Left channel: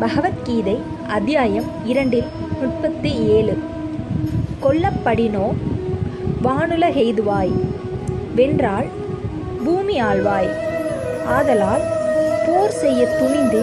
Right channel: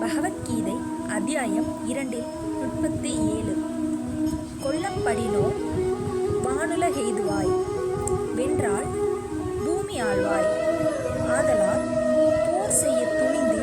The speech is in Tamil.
பகவத்கீதை அத்தியாயம் இரண்டில் முப்பத்தி ஏழு. கொல்லப்படினோ வானுலகெய்துவாய். வென்றால் பூமி ஆழ்வாய் ஆதலால் போர் செய்ய துணிந்து